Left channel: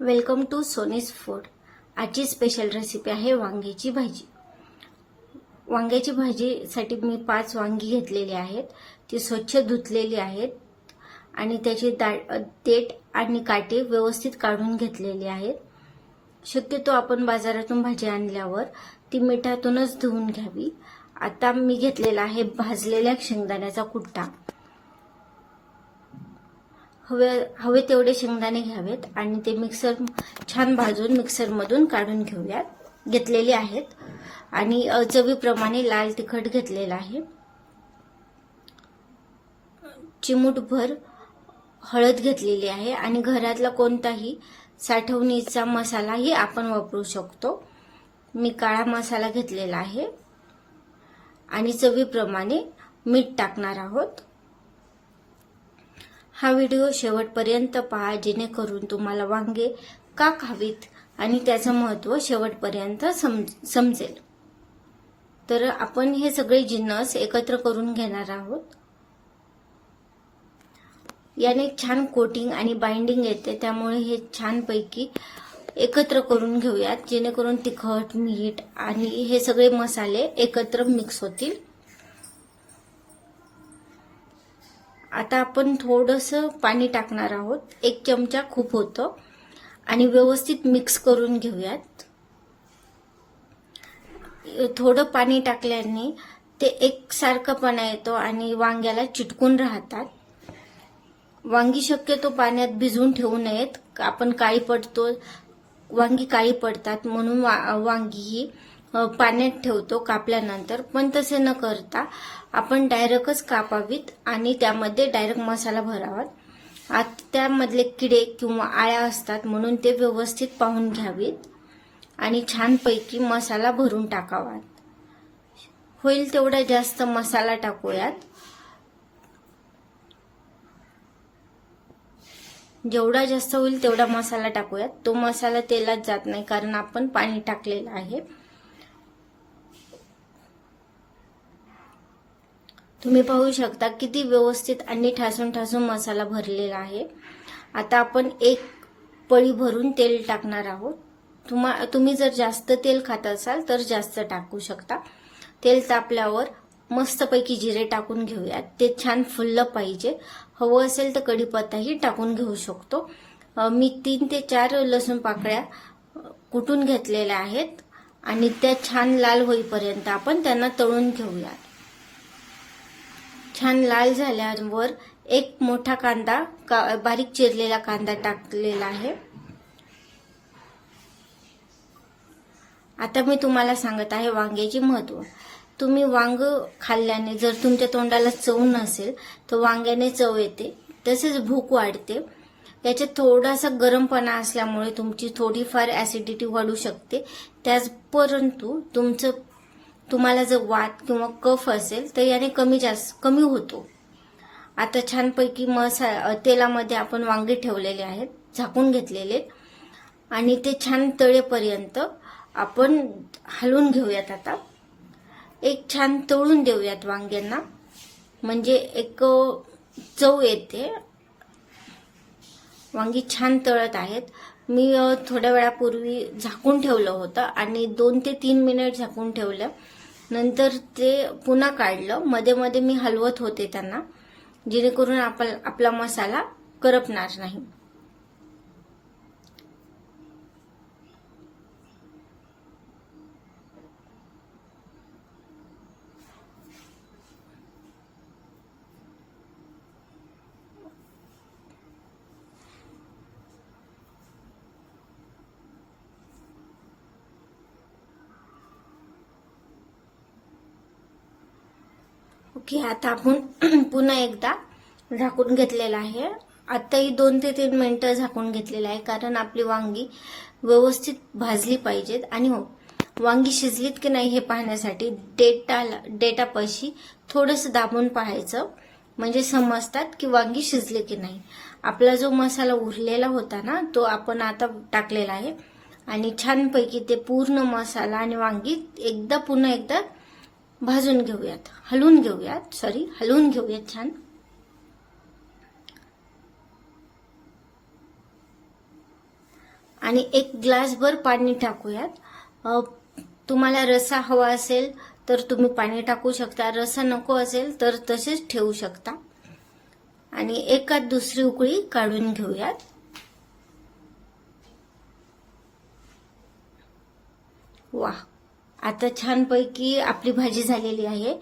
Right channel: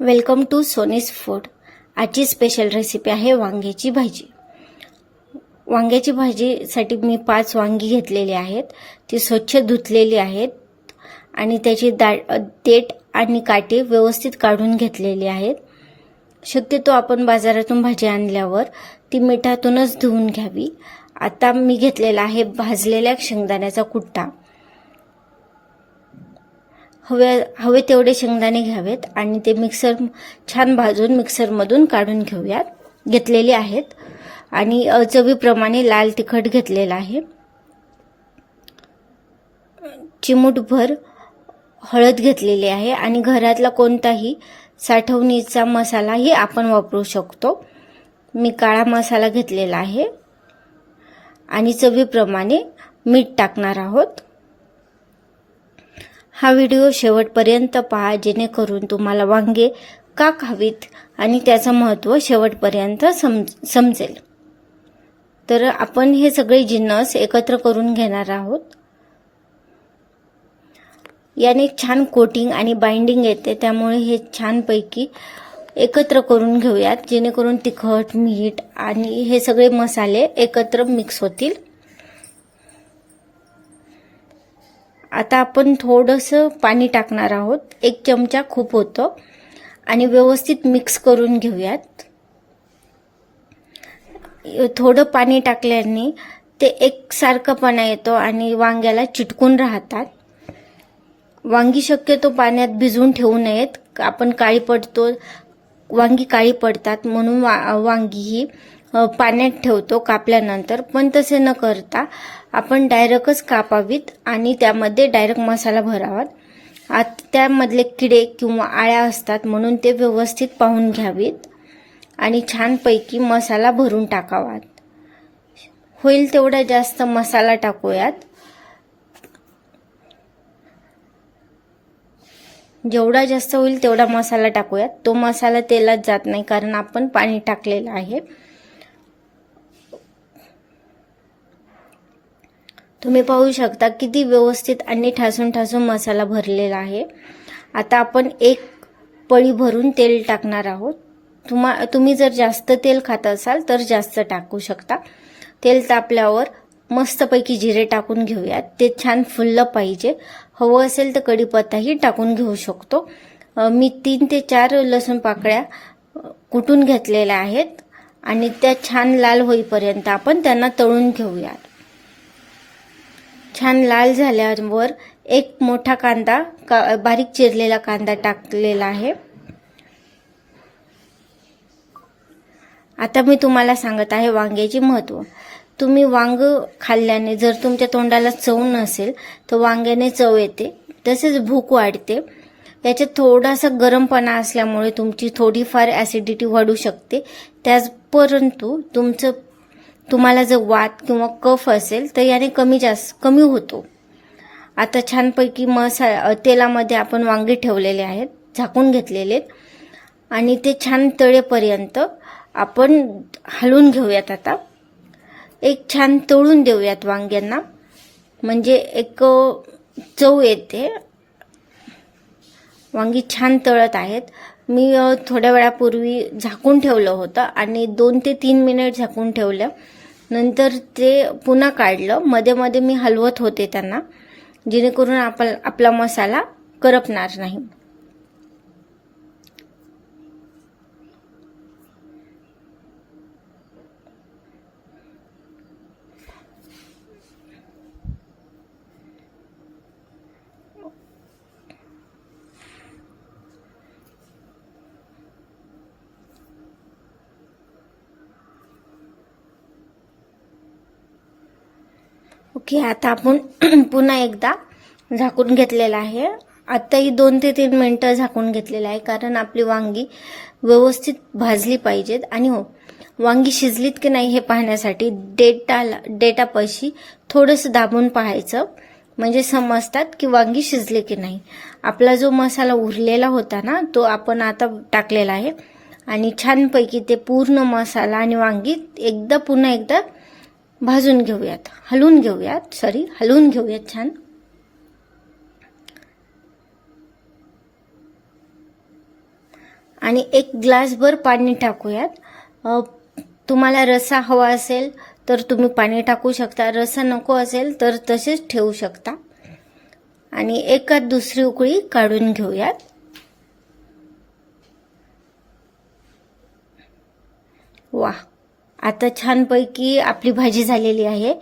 Welcome to Soni's food. आजची special recipe आहे वांग्याची भाजी। वांग्याची भाजीसाठी मी 5 वांगी घेतलेली आहेत। ती स्वच्छ धुतलेली आहेत आणि त्याची देठ आणि काटे व्यवस्थित काढून घेतलेली आहेत। शक्यतो आपण बाजारातून भाजी आणल्यावर ती मिठातूनच धुवून घ्यावी। आता मी घेतलेला आहे भाजलेल्या शेंगदाण्याचा कुट्टा। हवे तेवढे शेंगदाणे घ्यावेत आणि ते छान भाजून मिक्सरमधून काढून घेतलेले आहेत आणि चवीप्रमाणे लाल तिखट घेतलेला आहे। चिमूटभर हळद घेतलेली आहे आणि घरातला कोणताही साठवणीचा मसालाही आपण वापरू शकतो। मी काळा मसाला घेतलेला आहे आणि चवीप्रमाणे मीठ टाकणार आहोत। हा व्हिडिओ शेवटपर्यंत पहा जेणेकरून तुम्हाला वांगे का खावीत आणि त्याचं महत्त्व शेवटपर्यंत समजेल। तर आपण हे सगळे जिन्नस एकत्र करून घेणार आहोत। याने छान कोटिंग आणि बाइंडिंग येते, त्यामुळे हे छानपैकी एकत्र करून घेऊयात जेणेकरून तिखट, मीठ आणि हे सगळे मसाले एकत्र मिक्स होतील। आता आपण थोडंसं पाणी टाकणार आहोत, 1 चमचा खूप होतं आणि व्यवस्थित मिक्स करून घेऊयात। थोडं पाणी टाकल्याने ते एकसारखंपणा येतो आणि वांग्याला चिटकून राहतात। वांगी शक्यतो पाण्यात भिजवून ठेवू नयेत, आपण वांगी काळी पडतात म्हणून वांगी ही पाण्यात ठेवतो कापल्यानंतर, पण तसे न करता आपण डायरेक्टच कापावीत आणि त्यामध्ये डायरेक्ट मसाला भरावा। आता त्यामधले किडे किंवा आळ्या असतात म्हणून ते व्यवस्थित पाहून घ्यावीत आणि छानपैकी मसाला भरून टाकावा। होईल तेवढा जास्त मसाला टाकूयात। जेवढा जास्त होईल तेवढा मसाला टाकूयात। तो मसाला तेलात जात नाही कारण आपण पाणी टाकलेलं आहे। तुम्ही पाहू शकता किती व्यवस्थित आणि ठासून मसाला भरलेला आहे। आता आपण 1 पळी भरून तेल टाकणार आहोत। तुम्ही जर जास्त तेल खात असाल तर जास्त टाकू शकता। तेल तापल्यावर मस्तपैकी जिरे टाकून घेऊयात, ते छान फुललं पाहिजे। हवं असेल तर कढीपत्ताही टाकून घेऊ शकतो। मी 3 ते 4 लसूण पाकळ्या कुटून घेतलेल्या आहेत आणि त्या छान लाल होईपर्यंत आपण त्यांना तळून घेऊयात। छान लाल झाल्यावर 1 मोठा कांदा, बारीक चिरलेला कांदा टाकलेला आहे। आता मी तुम्हाला सांगत आहे वांग्याचे महत्त्व। तुम्ही वांग खाल्ल्याने जर तुमच्या तोंडाला चव नसेल तर वांग्याने चव येते, तसेच भूक वाढते। याच्यात थोडासा गरमपणा असल्यामुळे तुमची थोडीफार ॲसिडिटी वाढू शकते। परंतु तुम्हाला जर वात किंवा कफ असेल तर याने कमी होतो। आता छानपैकी तेलामध्ये आपण वांगे ठेवलेले आहेत, झाकून घेतलेले आणि ते छान तळेपर्यंत आपण हलवून घेऊयात। आता छान तळून देऊयात वांग्यांना, म्हणजे एक चव येते। वांगी छान तळत आहेत। मी थोड्या वेळापूर्वी झाकून ठेवलं होतं आणि 2 ते 3 मिनिट झाकून ठेवलं, नंतर ते पुन्हा काढलं। मध्ये मध्ये मी हलवत होते त्यांना, जेणेकरून आपला मसाला करपणार नाही। ओके, आता आपण पुन्हा एकदा झाकून घेतलेला आहे। आताही 2 ते 3 मिनिटं झाकून घेतलेलं आहे, कारण आपली वांगी व्यवस्थित भाजली पाहिजेत। आणि वांगी शिजलीत की नाही हे पाहण्यासाठी डेटापाशी थोडंसं दाबून पाहायचं, म्हणजे समजतात की वांगी शिजले की नाही। आपला जो मसाला उरलेला होता ना, तो आपण आता टाकलेला आहे आणि छानपैकी ते पूर्ण मसाला आणि वांगी पुन्हा एकदा भाजून घेऊयात, हलवून घेऊयात छान। आणि 1 ग्लासभर पाणी टाकूयात. तुम्हाला रस्सा हवा असेल तर तुम्ही पाणी टाकू शकता, रस्सा नको असेल तर तसेच ठेवू शकता. आणि एकात दुसरी उकळी काढून घेऊयात. वा, आता छानपैकी आपली भाजी झालेली आहे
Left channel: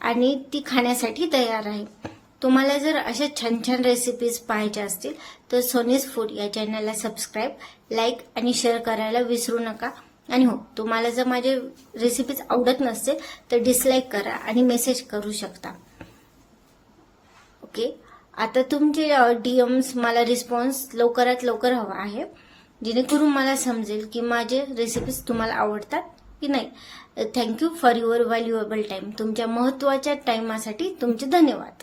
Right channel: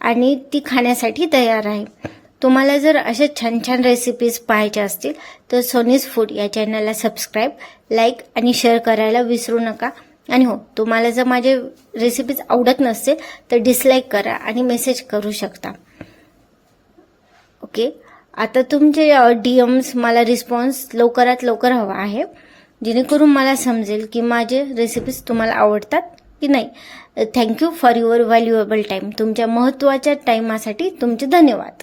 आणि ती खाण्यासाठी तयार आहे. तुम्हाला जर अशा छान छान रेसिपीज पाहायच्या असतील तर सोनीज फूड या चॅनलला सबस्क्राईब, लाईक आणि शेअर करायला विसरू नका. आणि हो, तुम्हाला जर माझे रेसिपीज आवडत नसतील तर डिसलाईक करा आणि मेसेज करू शकता. ओके, आता तुमचे DMs मला रिस्पॉन्स लवकरात लवकर हवा आहे, जेणेकरून मला समजेल की माझे रेसिपीज तुम्हाला आवडतात की नाही. Thank you for your valuable time. तुमच्या महत्त्वाच्या टाईमासाठी तुमचे धन्यवाद.